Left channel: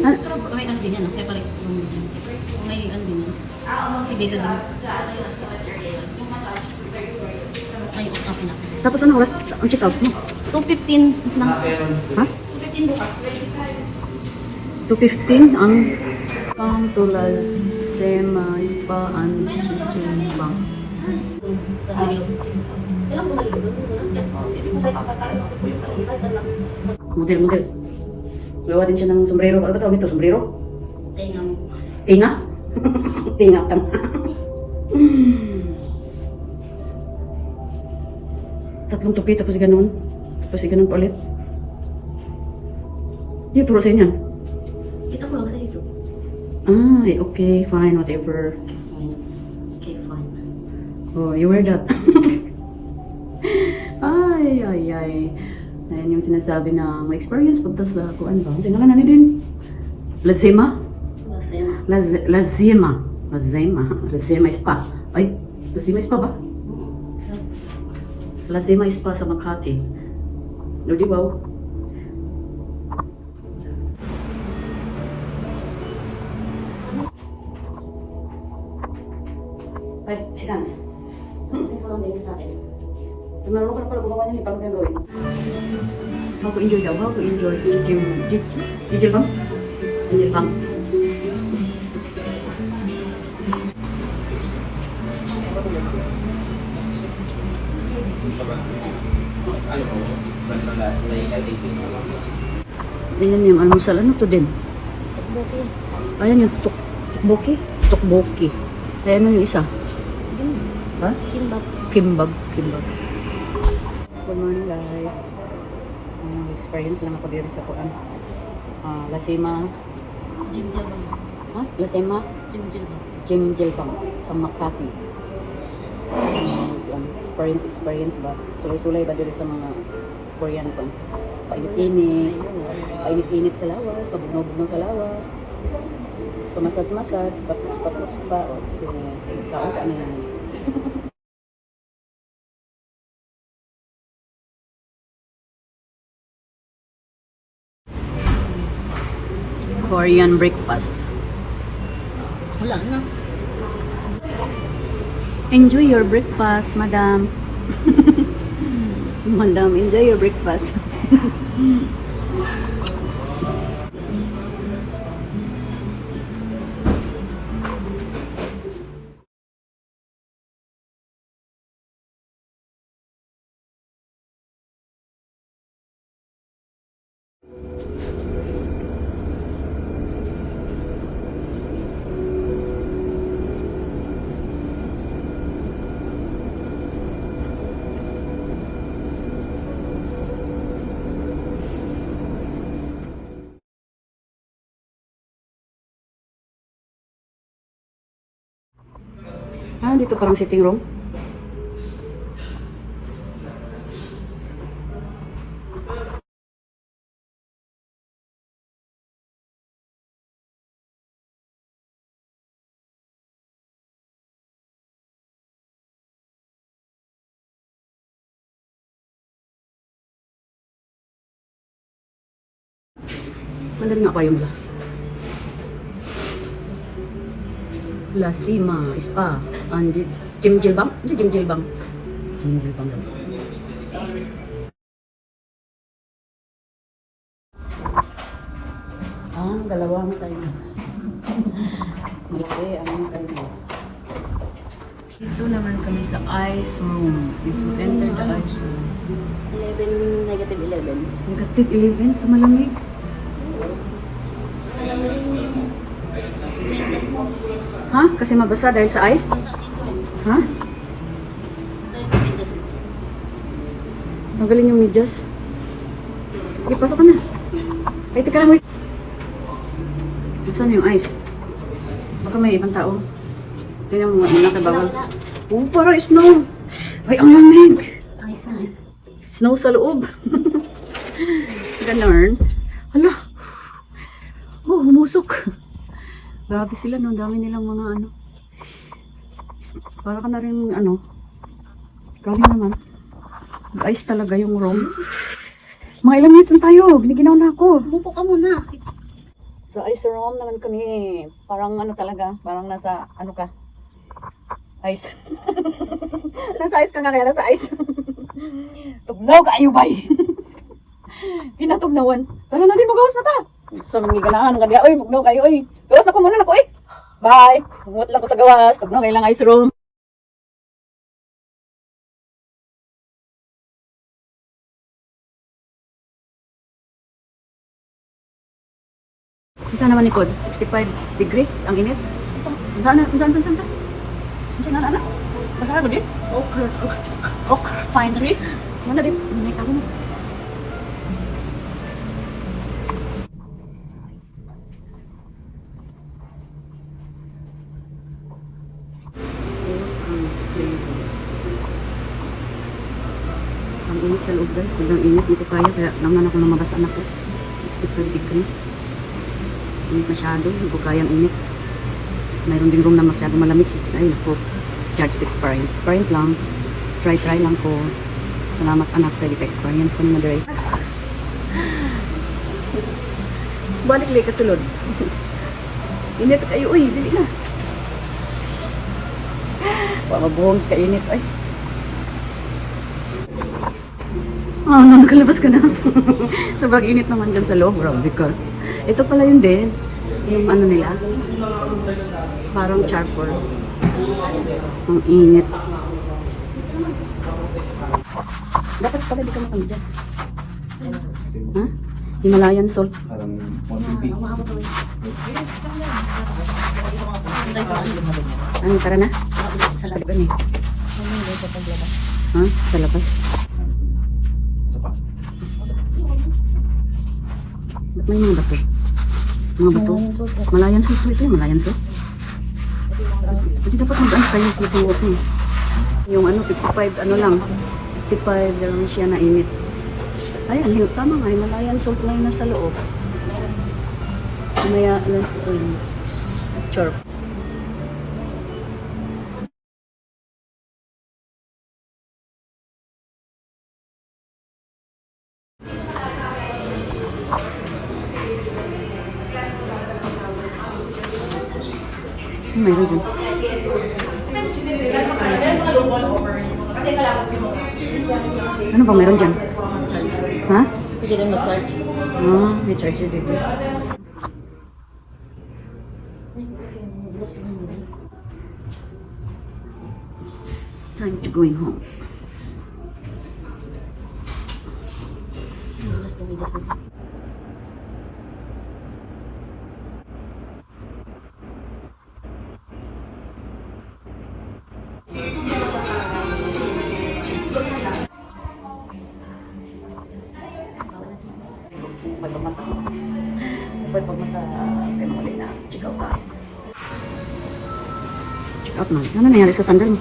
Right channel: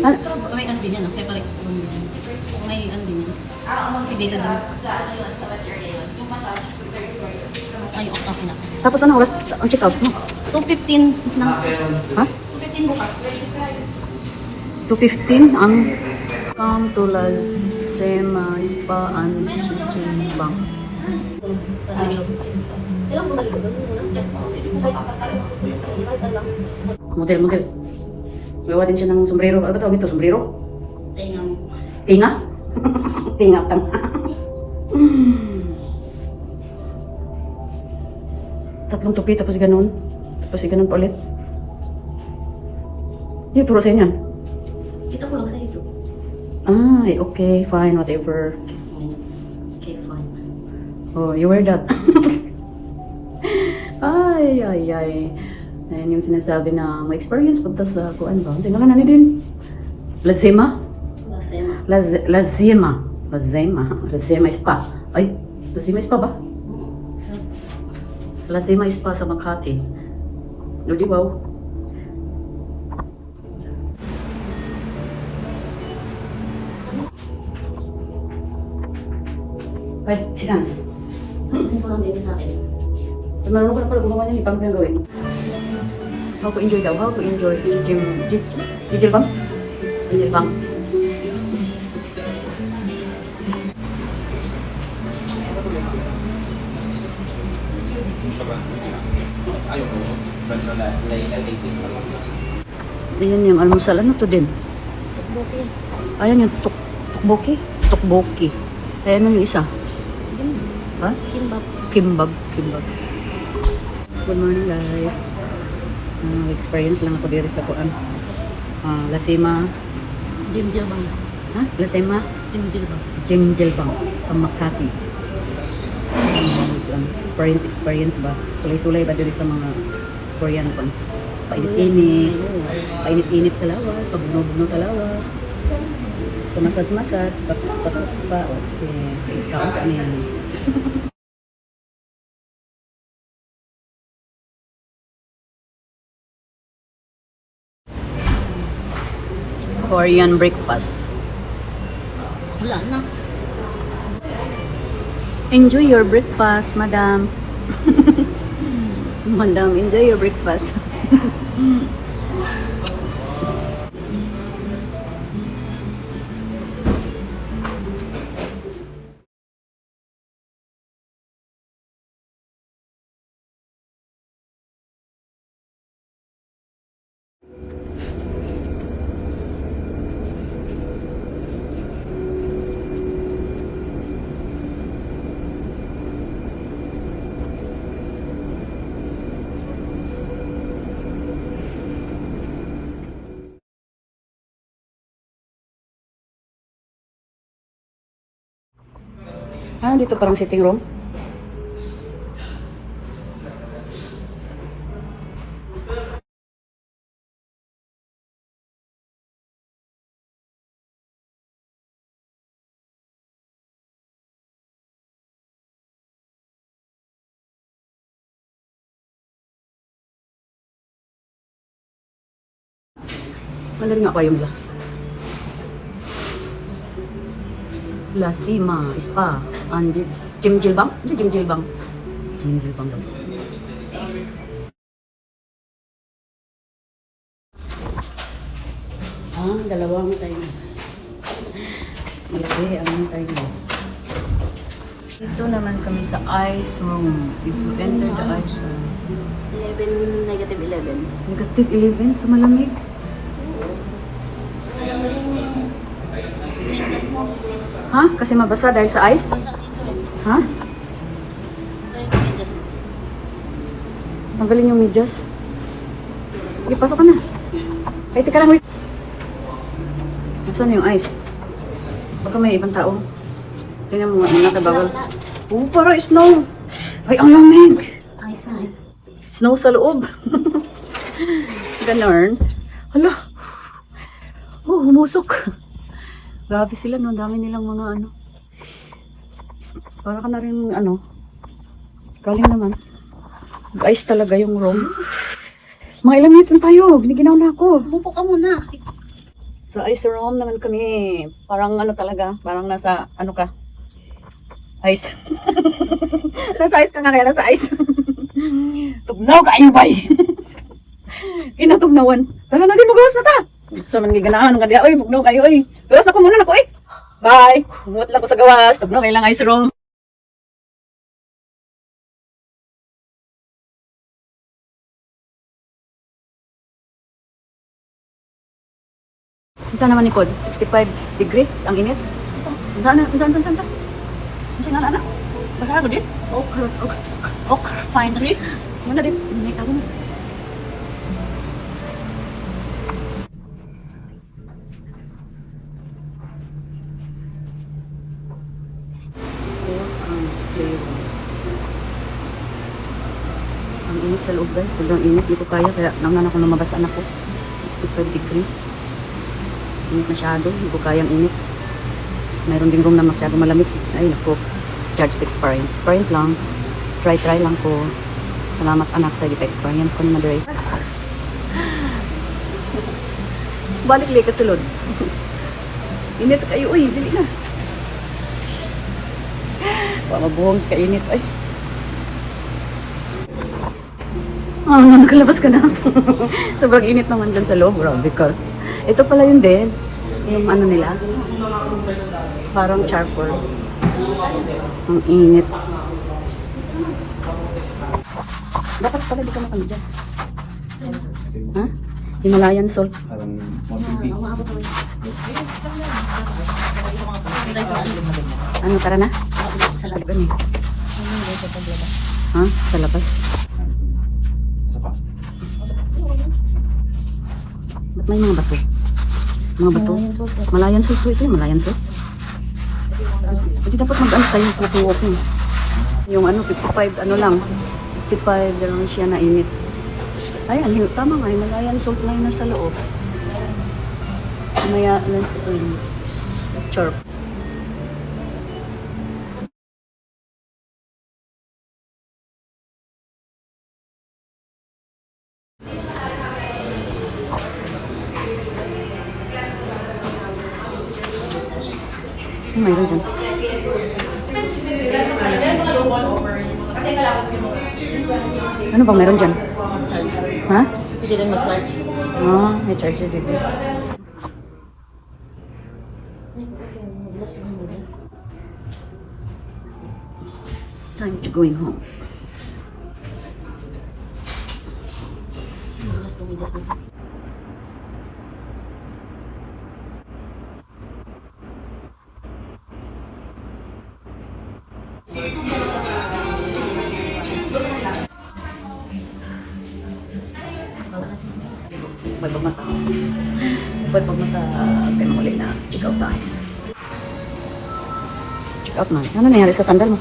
Ah, May ano din yan, separate. May ano din. Si Data din. Ay, okay na. tapos anong oras ang check out mo? 2:15 na. Ha? 2:15 bukas. 2:15 ang come to Lasema Spa and Bank. Ilang bumalik doon? Yes, Model. Gawa din siya ng sombrero. Ano ba tawag nito? Sombrero? Tinga. Tinga? Tinga tang. Tatlong tupi tapos ganun. Tapos ganun pa ulit. Hindi, turo sa inyo. Ito ko lang sa iyo. Ay, okay, fine, whatever. Okay, fine. Oh, you wear that. Ay. Ayan yung sinasabi na may experience punta sa kuan ba? Sino nga nani din? Lazima? Lasema. Lazima Spa. Ay, Lazima Spa ba? Lazima Spa sa Makati. O, di ba? Pwede, sinans. Sino ang dito sa akin? Marunong ko na pala gumawa niyan, paano ko yung gawin? How to enjoy daw, how to enjoy. Jijil bang? Jijil bang? Ayan yung almusal. Ano to din? Ayan yung tukboki. Tukboki. Ayan yung isa. Ha? Kimbab. Good morning guys. Experience lang ako dito sa kuan. Lasema. Jimjil bang? Ha? Lasema? Jimjil bang? Jimjilbang sa Makati. Experience ba? Sulay-sulay ba dito sa mga Korean kuan? Painit-init sa lawas, pabugno-bugno sa lawas. Pumasad-masad, patot pa. Okay. Kaon sa amin. Korean breakfast. Wala na. Enjoy your breakfast, madam. Madam, enjoy your breakfast. Dito parang sitting room. Mandarin yung aquarium nila. Lasema Spa and Jimjilbang? Ano Jimjilbang? Jimjilbang daw. Ang dalawang tayo. Malaki ang tayo. Dito naman kami sa ice room. If you enter the ice room. 11, -11. Negative 11, so malamig. Ha? Kasi mabasa dahil sa ice? Ha? Tanggalin yung medyas. Sige, pasok ka na. Ay, teka lang. Nasaan yung ice? Baka may ibang tao. Tingnan mo, nakabawal. Oh, parang snow. Ay, ang lamig. Ay, saan? Snow sa loob. Ganun. Hala. Oh, humusok. Grabe sila, no? Dami nilang mga ano. Para ka na rin, ano. Galing naman. Ice talaga yung room. Mga ilang minutes na tayo. Biniginaw na ako. Pupo ka muna. Sa ice room naman kami. Parang ano talaga, parang nasa ano ka? Ice. Nasa ice ka nga kaya, nasa ice. Tugnaw kayo bay. Kinatugnawan. Tala na din magawas na ta. Sa mga ganahan nga diya, oy, tugnaw kayo, oy. Gawas na ko muna nako, oy. Bye. Ngot lang ko sa gawas. Tugnaw kayo lang ice room. Isa naman ni Cod, 65 degree ang init. Saan? Saan na? Baka din? Okra pine tree. Mana din? May tao mo. Ang init sa loob guys, sobrang init. Hindi ko kaya, kaya lang na ako lumabas anak ko. 65 degree. Init masyado, hindi ko kayang init. Mayroon ding room na masyado malamig. Ay, naku. Judge the experience. Experience lang. Try lang ko. Salamat anak, kaya kita experience ko ni Madre. Balik li ka sulod. Init kayo, uy, dili na. Mabuhong sa kainit, ay. Nakalabas ka na. Sobrang init naman dyan sa loob, grabe ka. Ito pala yun din. Yung ano nila. Parang charcoal. Ang init. Dapat pala di ka makamijas. Ha? Himalayan salt. Ano, tara na? Sa labas. Ano eh? Ha? Sa labas? Ba't may mga bato? Mga bato? Malayan salt ito eh. Malayan salt. Hindi dapat mag-ano tayo kukuwok eh. Yung ano, 55, ano lang. 55 lang siya na init. Ayan, tama nga. Himalayan salt na yun nasa loob. Mamaya, lunch ko yun. Chirp. Mayroon dyan. Ano bang meron dyan? Charge. Ha? Hindi rin may charge. Ah, may charger dito. Time to going home. Just na. Pagpagmata. Pagpagmata, ganun ulit na check out tayo. Check out na. Ano nangyari sa sandal mo?